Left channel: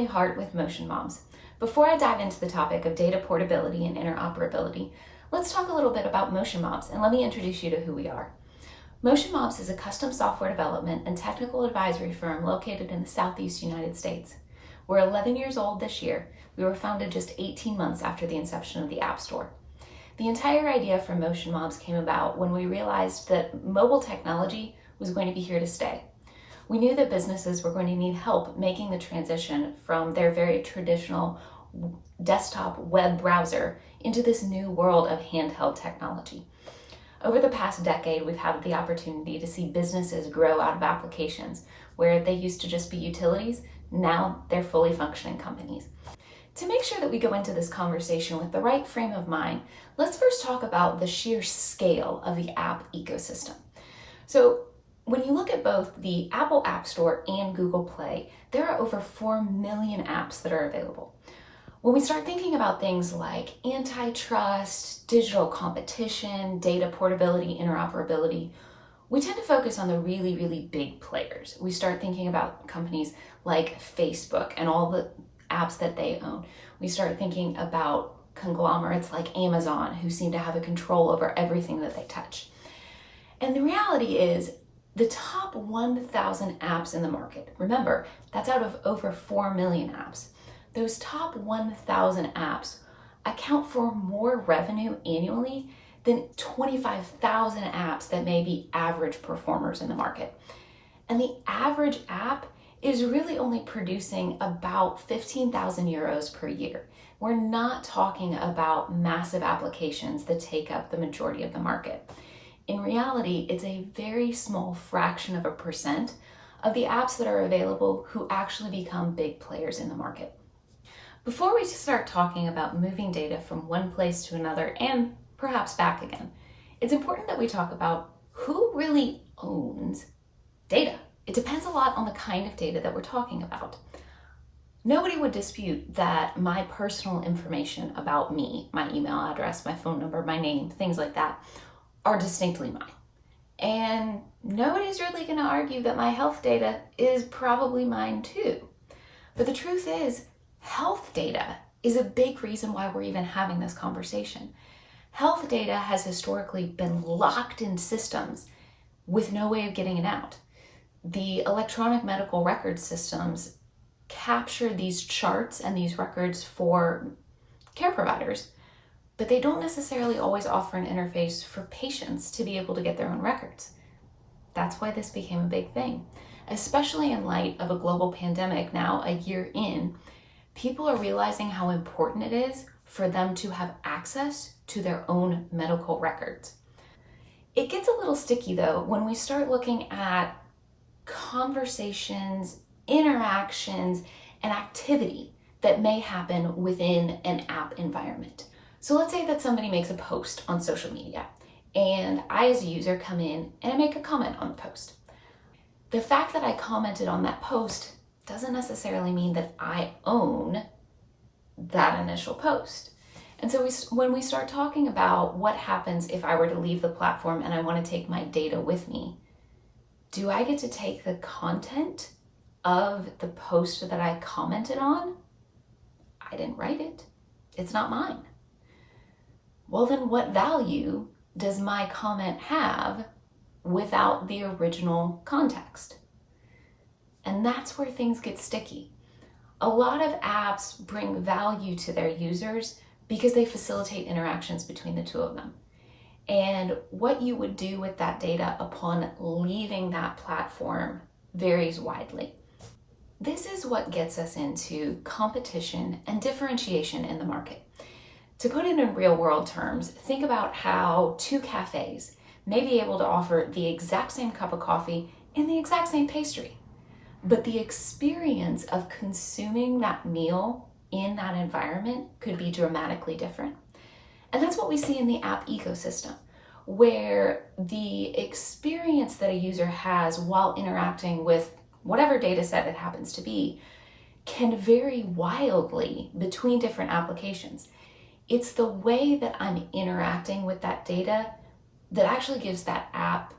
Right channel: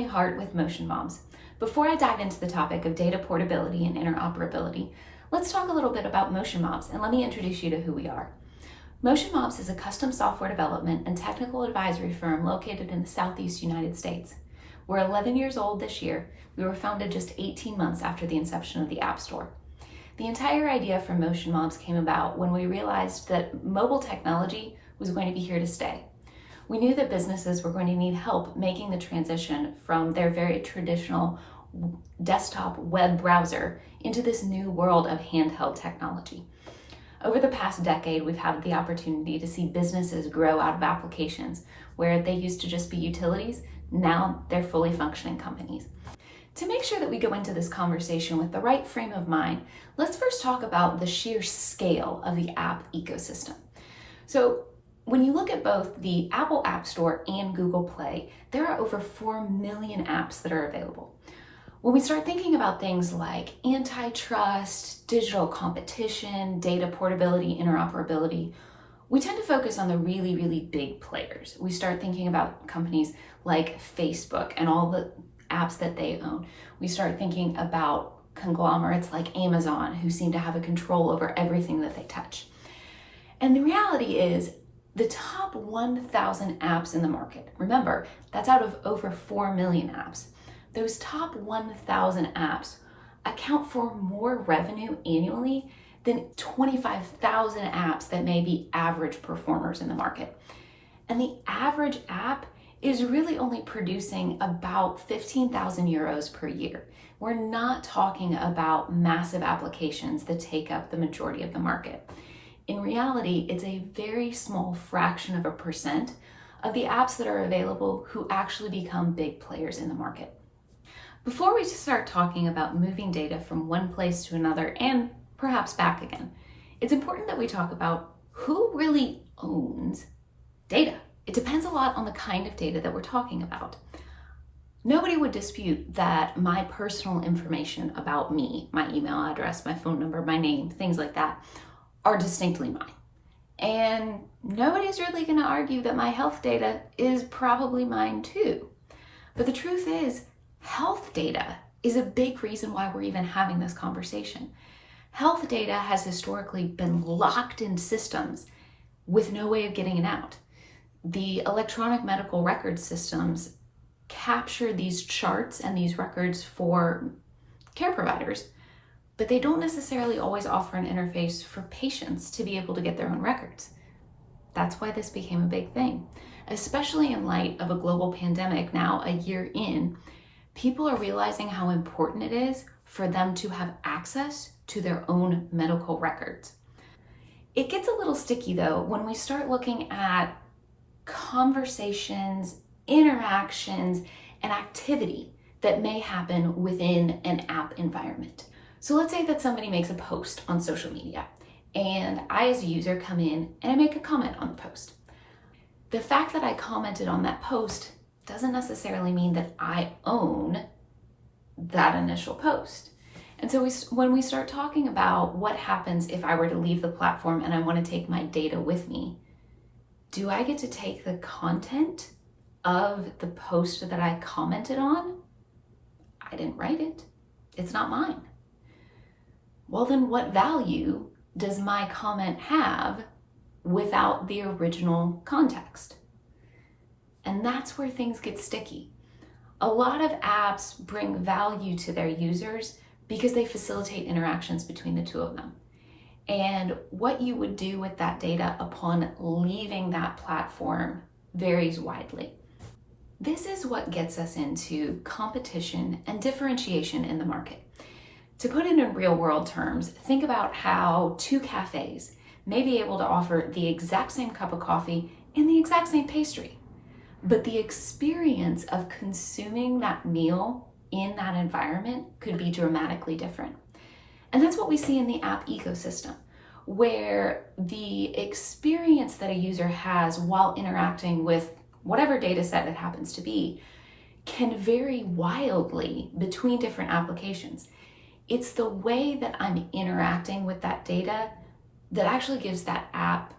Emily Hart with Motion Moms. Before I dive into the topic of data portability and interoperability, let's talk a little bit about Motion Moms and let me introduce you to who we are. Motion Moms is a custom software development and technical advisory firm located in the Southeast United States. We're 11 years old this year. We were founded just 18 months after the inception of the App Store. The entire idea for Motion Moms came about when we realized that mobile technology was going to be here to stay. We knew that businesses were going to need help making the transition from their very traditional desktop web browser into this new world of handheld technology. Over the past decade, we've had the opportunity to see businesses grow out of applications where they used to just be utilities. Now they're fully functioning companies. To make sure that we go into this conversation with the right frame of mind, let's first talk about the sheer scale of the app ecosystem. So when you look at both the Apple App Store and Google Play, there are over 4 million apps that are available. When we start thinking about things like antitrust, digital competition, data portability, interoperability, we tend to focus on the really, really big players. We start thinking about companies like Facebook and all the apps that they own. We start thinking about conglomerates like Amazon, who seem to have a control over everything that they touch. And the reality is, the top 1,000 apps in the market, remember, that's out of over 4 million apps. Those top 1,000 apps account for more revenue annually than 25,000 apps that may be average performers in the market. And the average app is really only producing about 15,000 euros per year. We're not talking about massive applications that take up the majority of the market. In reality, it's a very small fraction of a percent of the apps that are available who actually become big players in the market. Before we start talking about moving data from one place to another and perhaps back again, it's important that we talk about who really owns data. It depends a lot on the kind of data that we're talking about. Nobody would dispute that my personal information about me, my email address, my phone number, my name, things like that, are distinctly mine. And nobody's really going to argue that my health data is probably mine too. But the truth is, health data is a big reason why we're even having this conversation. Health data has historically been locked in systems with no way of getting it out. The electronic medical record systems capture these charts and these records for care providers, but they don't necessarily always offer an interface for patients to be able to get their own records. That's why this became a big thing, especially in light of a global pandemic now a year in. People are realizing how important it is for them to have access to their own medical records. It gets a little sticky though when we start looking at conversations, interactions, and activity that may happen within an app environment. So let's say that somebody makes a post on social media and I as a user come in and I make a comment on the post. The fact that I commented on that post doesn't necessarily mean that I own that initial post. And so when we start talking about what happens if I were to leave the platform and I want to take my data with me, do I get to take the content of the post that I commented on? I didn't write it. It's not mine. Well, then what value does my comment have without the original context? And that's where things get sticky. A lot of apps bring value to their users because they facilitate interactions between the two of them. And what you would do with that data upon leaving that platform varies widely. This is what gets us into competition and differentiation in the market. To put it in real world terms, think about how two cafes may be able to offer the exact same cup of coffee and the exact same pastry, but the experience of consuming that meal in that environment could be dramatically different. And that's what we see in the app ecosystem, where the experience that a user has while interacting with whatever data set it happens to be can vary wildly between different applications. It's the way that I'm interacting with that data that actually gives that app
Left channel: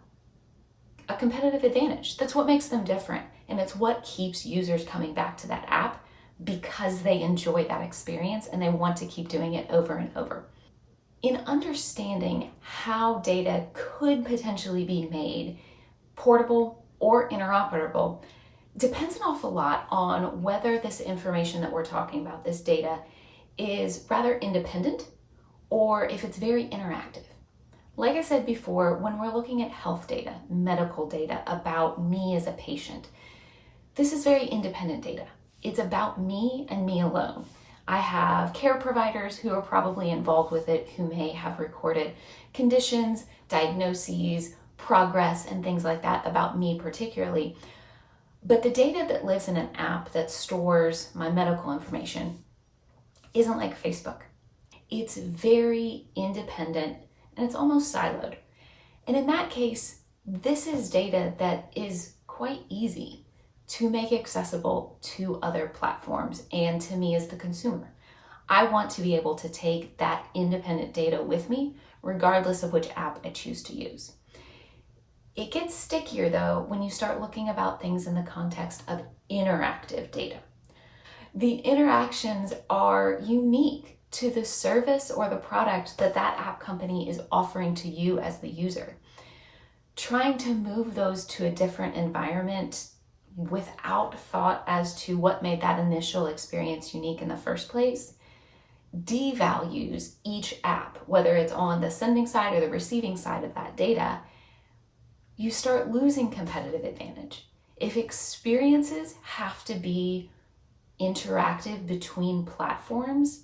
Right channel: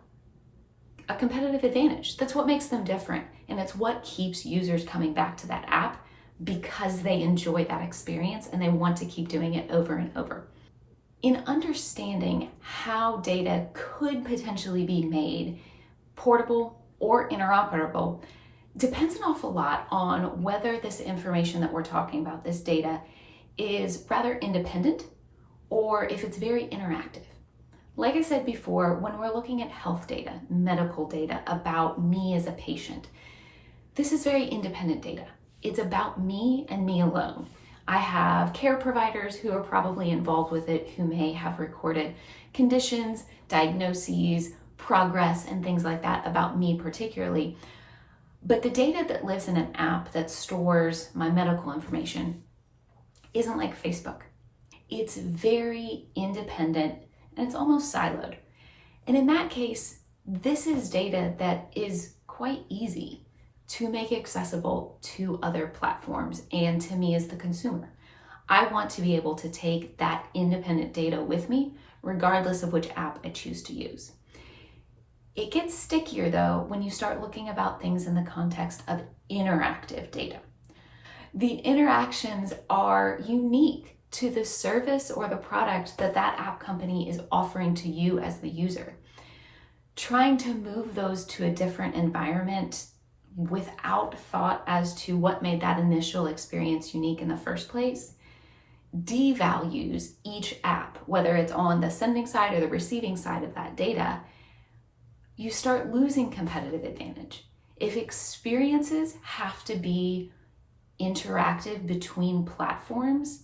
a competitive advantage. That's what makes them different, and it's what keeps users coming back to that app because they enjoy that experience and they want to keep doing it over and over. In understanding how data could potentially be made portable or interoperable depends an awful lot on whether this information that we're talking about, this data, is rather independent or if it's very interactive. Like I said before, when we're looking at health data, medical data about me as a patient, this is very independent data. It's about me and me alone. I have care providers who are probably involved with it who may have recorded conditions, diagnoses, progress, and things like that about me particularly. But the data that lives in an app that stores my medical information isn't like Facebook. It's very independent and it's almost siloed. And in that case, this is data that is quite easy to make accessible to other platforms and to me as the consumer. I want to be able to take that independent data with me, regardless of which app I choose to use. It gets stickier though when you start looking about things in the context of interactive data. The interactions are unique to the service or the product that that app company is offering to you as the user. Trying to move those to a different environment without thought as to what made that initial experience unique in the first place devalues each app, whether it's on the sending side or the receiving side of that data. You start losing competitive advantage. If experiences have to be interactive between platforms,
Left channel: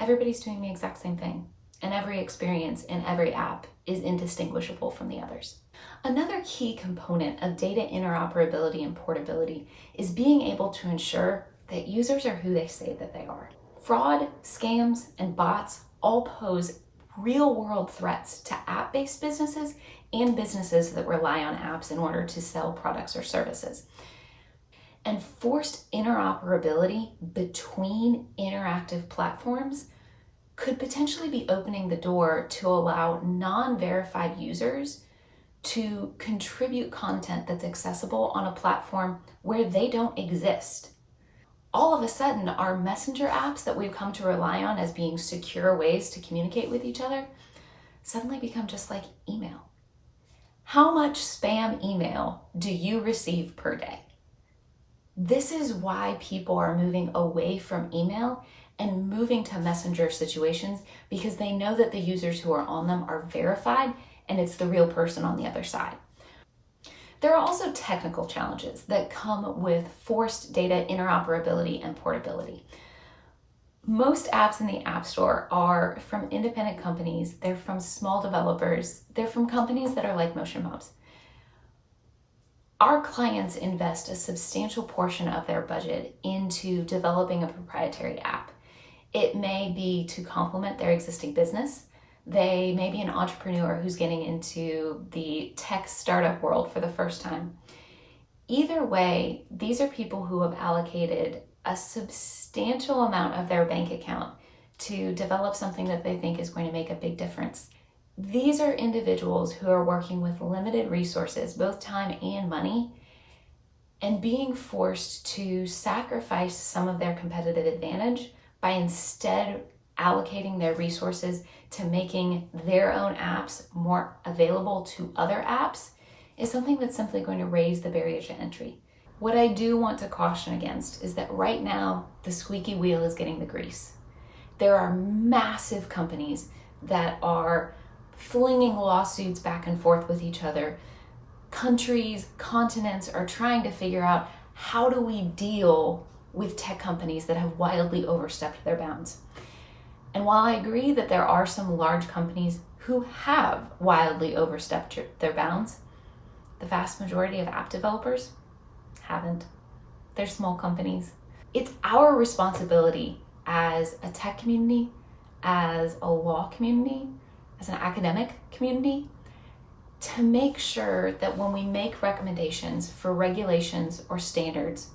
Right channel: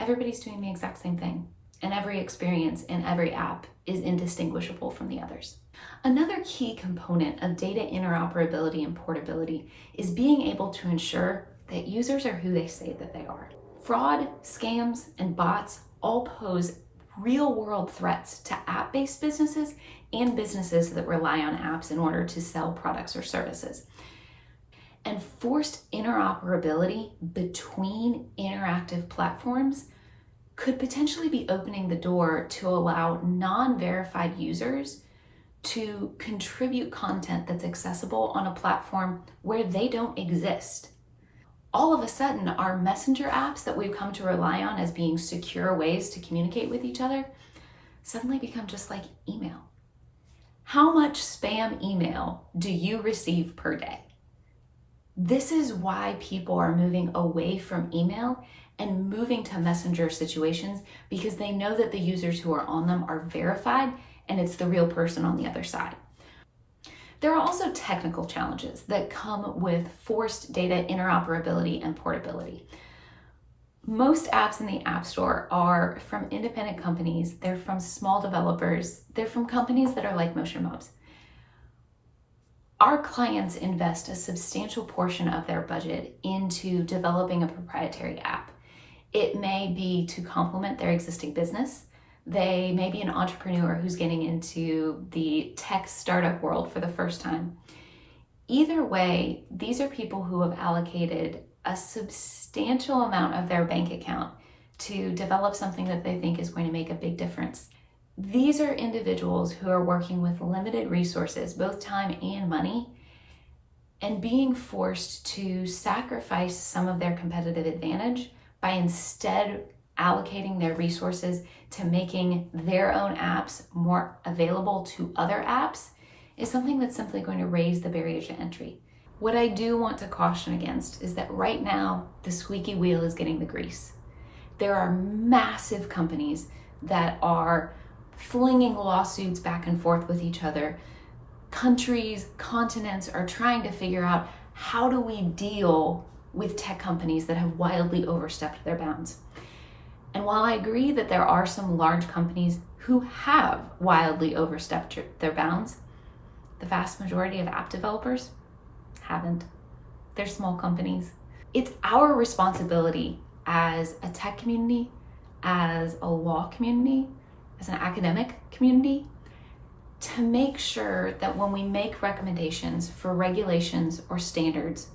everybody's doing the exact same thing, and every experience in every app is indistinguishable from the others. Another key component of data interoperability and portability is being able to ensure that users are who they say that they are. Fraud, scams, and bots all pose real-world threats to app-based businesses and businesses that rely on apps in order to sell products or services. And forced interoperability between interactive platforms could potentially be opening the door to allow non-verified users to contribute content that's accessible on a platform where they don't exist. All of a sudden, our messenger apps that we've come to rely on as being secure ways to communicate with each other suddenly become just like email. How much spam email do you receive per day? This is why people are moving away from email and moving to messenger situations, because they know that the users who are on them are verified and it's the real person on the other side. There are also technical challenges that come with forced data interoperability and portability. Most apps in the App Store are from independent companies, they're from small developers, they're from companies that are like MotionMobs. Our clients invest a substantial portion of their budget into developing a proprietary app. It may be to complement their existing business. They may be an entrepreneur who's getting into the tech startup world for the first time. Either way, these are people who have allocated a substantial amount of their bank account to develop something that they think is going to make a big difference. These are individuals who are working with limited resources, both time and money, and being forced to sacrifice some of their competitive advantage by instead allocating their resources to making their own apps more available to other apps is something that's simply going to raise the barriers to entry. What I do want to caution against is that right now, the squeaky wheel is getting the grease. There are massive companies that are flinging lawsuits back and forth with each other. Countries, continents are trying to figure out, how do we deal with tech companies that have wildly overstepped their bounds? And while I agree that there are some large companies who have wildly overstepped their bounds, the vast majority of app developers haven't. They're small companies. It's our responsibility as a tech community, as a law community, as an academic community, to make sure that when we make recommendations for regulations or standards,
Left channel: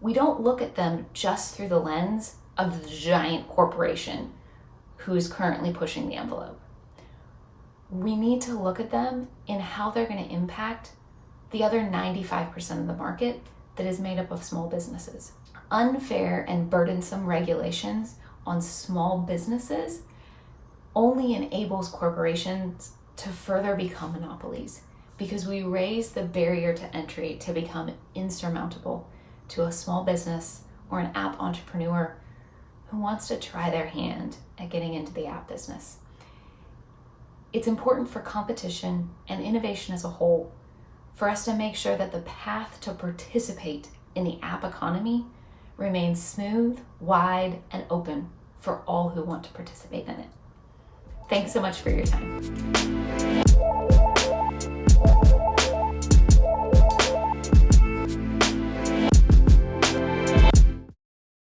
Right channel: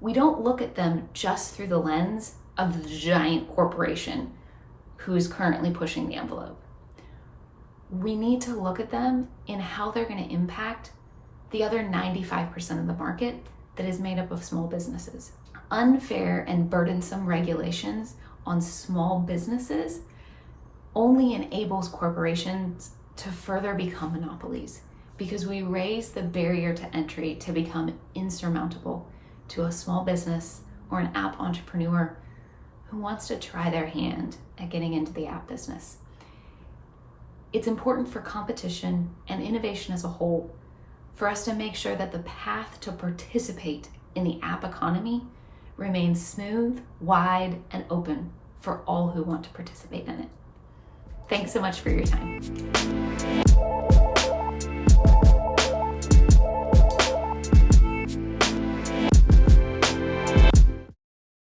we don't look at them just through the lens of the giant corporation who is currently pushing the envelope. We need to look at them in how they're going to impact the other 95% of the market that is made up of small businesses. Unfair and burdensome regulations on small businesses only enables corporations to further become monopolies, because we raise the barrier to entry to become insurmountable to a small business or an app entrepreneur who wants to try their hand at getting into the app business. It's important for competition and innovation as a whole for us to make sure that the path to participate in the app economy remains smooth, wide, and open for all who want to participate in it. Thanks so much for your time.